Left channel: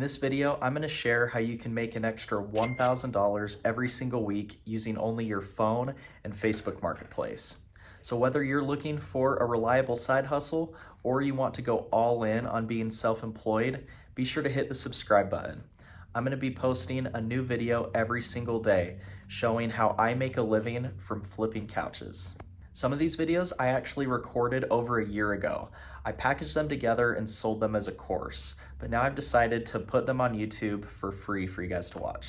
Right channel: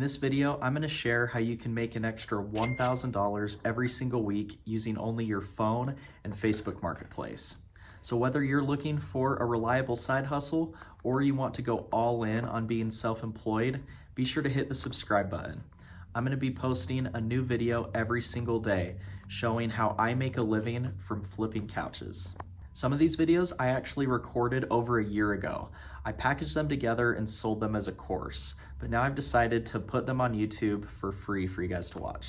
this video, I'm going to share how you can make an extra $1,000 every single week using only your phone and Facebook Marketplace. So whether you're looking for a reliable side hustle or you want to go all in on being self-employed, be sure to hit the subscribe button. I'm going to be posting a new video every single day showing how I make a living from flipping couches. Some of these videos I actually recorded over a year ago. I packaged them together and sold them as a course, but now I've decided to put them on YouTube for free for you guys to watch.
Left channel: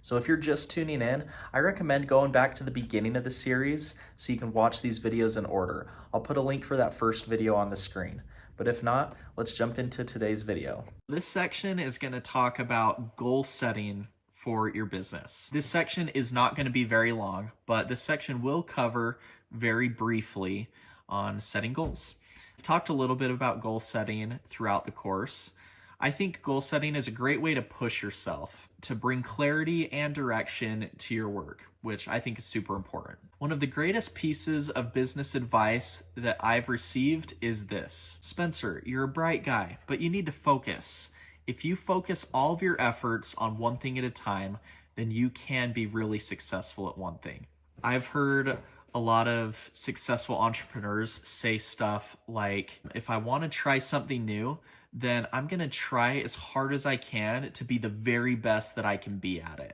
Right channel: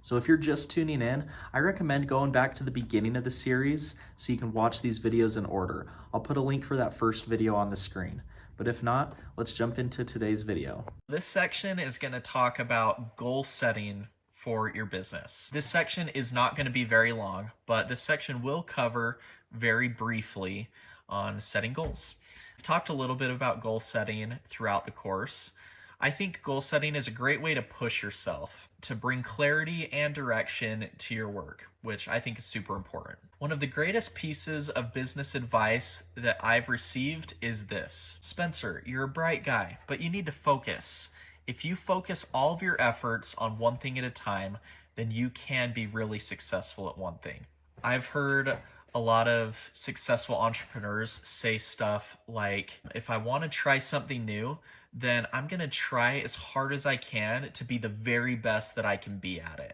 So if you're just tuning in, I recommend going back to the beginning of the series so you can watch these videos in order. I'll put a link for that first video on the screen. But if not, let's jump into today's video. This section is going to talk about goal setting for your business. This section is not going to be very long, but this section will cover very briefly on setting goals. I've talked a little bit about goal setting throughout the course. I think goal setting is a great way to push yourself, to bring clarity and direction to your work, which I think is super important. One of the greatest pieces of business advice that I've received is this: Spencer, you're a bright guy, but you need to focus. If you focus all of your efforts on one thing at a time, then you can be really successful at one thing. I've heard a lot of successful entrepreneurs say stuff like, if I want to try something new, then I'm going to try as hard as I can to be the very best that I can be at it.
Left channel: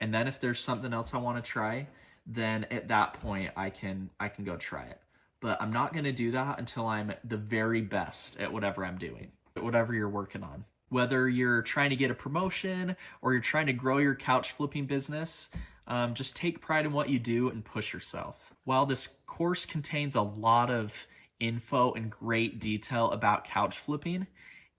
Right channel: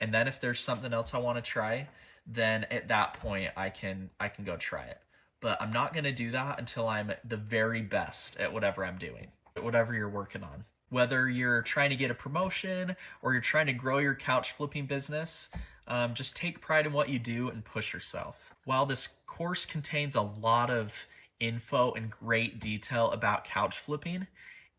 And then if there's something else I want to try, then at that point I can go try it. But I'm not going to do that until I'm the very best at whatever I'm doing, whatever you're working on. Whether you're trying to get a promotion or you're trying to grow your couch flipping business, just take pride in what you do and push yourself. While this course contains a lot of info and great detail about couch flipping,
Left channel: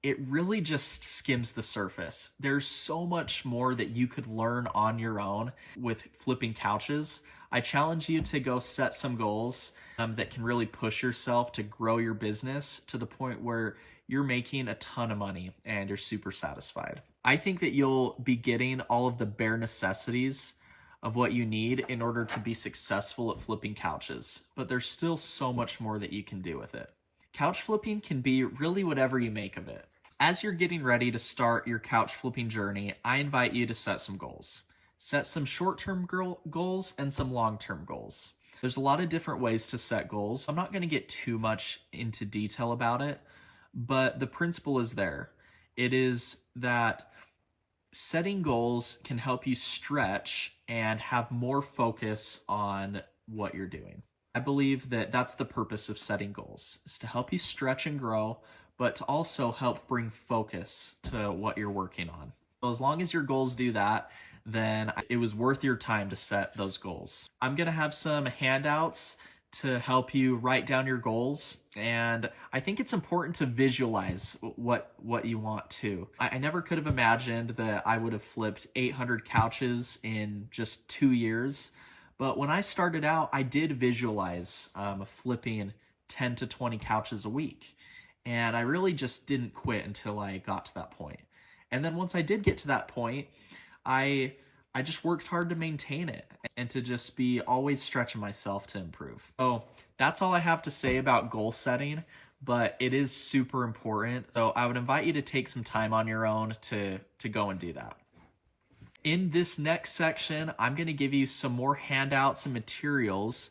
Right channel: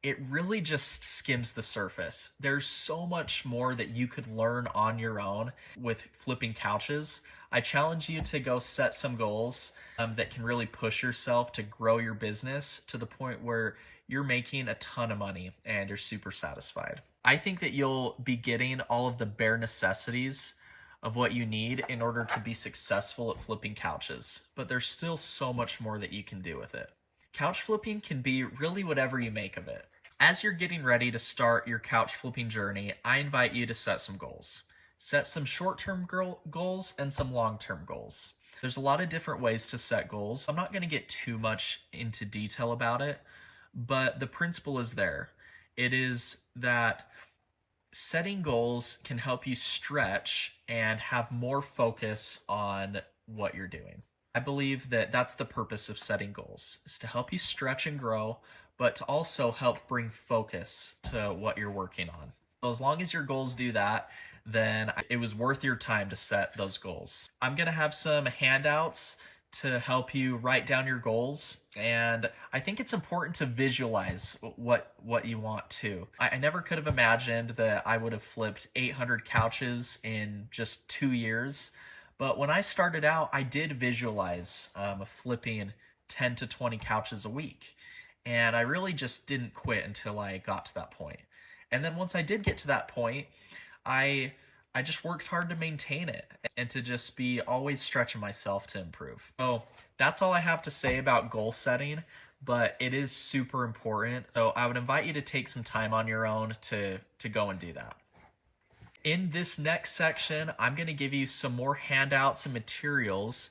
it really just skims the surface. There's so much more that you could learn on your own with flipping couches. I challenge you to go set some goals that can really push yourself to grow your business to the point where you're making a ton of money and you're super satisfied. I think that you'll be getting all of the bare necessities of what you need in order to be successful at flipping couches, but there's still so much more that you can do with it. Couch flipping can be really whatever you make of it. As you're getting ready to start your couch flipping journey, I invite you to set some goals. Set some short-term goals and some long-term goals. There's a lot of different ways to set goals. I'm not going to get too much into detail about it, but the principle is there. It is that setting goals can help you stretch and have more focus on what you're doing. I believe that that's the purpose of setting goals, is to help you stretch and grow, but to also help bring focus to what you're working on. So as long as your goals do that, then it was worth your time to set those goals. I'm going to have some handouts to help you write down your goals, and I think it's important to visualize what you want to. I never could have imagined that I would have flipped 800 couches in just 2 years, but when I started out, I did visualize flipping 10 to 20 couches a week, and I really just didn't quit until I got to that point. And then once I did get to that point, I just worked hard to maintain it and to just be always stretching myself to improve. So that's all I have to say about goal setting, but it is super important. So I would invite you to take some time on your own to go and do that. In this next section, I'm going to give you some more handouts and materials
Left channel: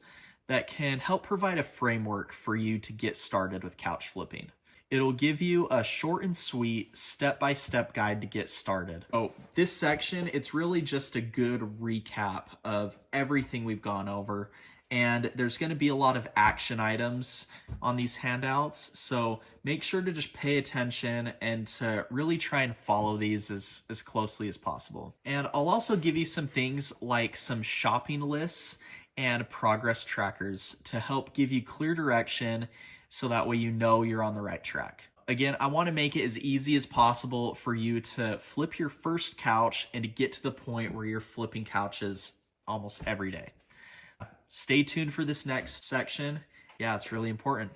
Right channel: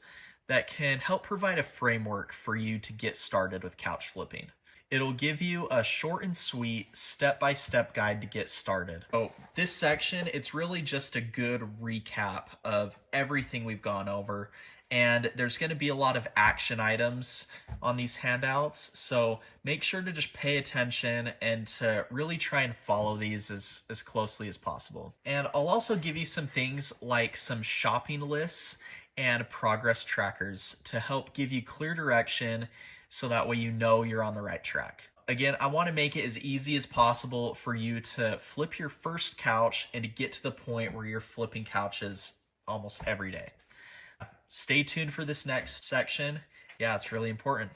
that can help provide a framework for you to get started with couch flipping. It'll give you a short and sweet step-by-step guide to get started. So this section, it's really just a good recap of everything we've gone over. And there's going to be a lot of action items on these handouts. So make sure to just pay attention and to really try and follow these as closely as possible. And I'll also give you some things like some shopping lists and progress trackers to help give you clear direction, so that way you know you're on the right track. Again, I want to make it as easy as possible for you to flip your first couch and to get to the point where you're flipping couches almost every day. Stay tuned for this next section. Yeah, it's really important.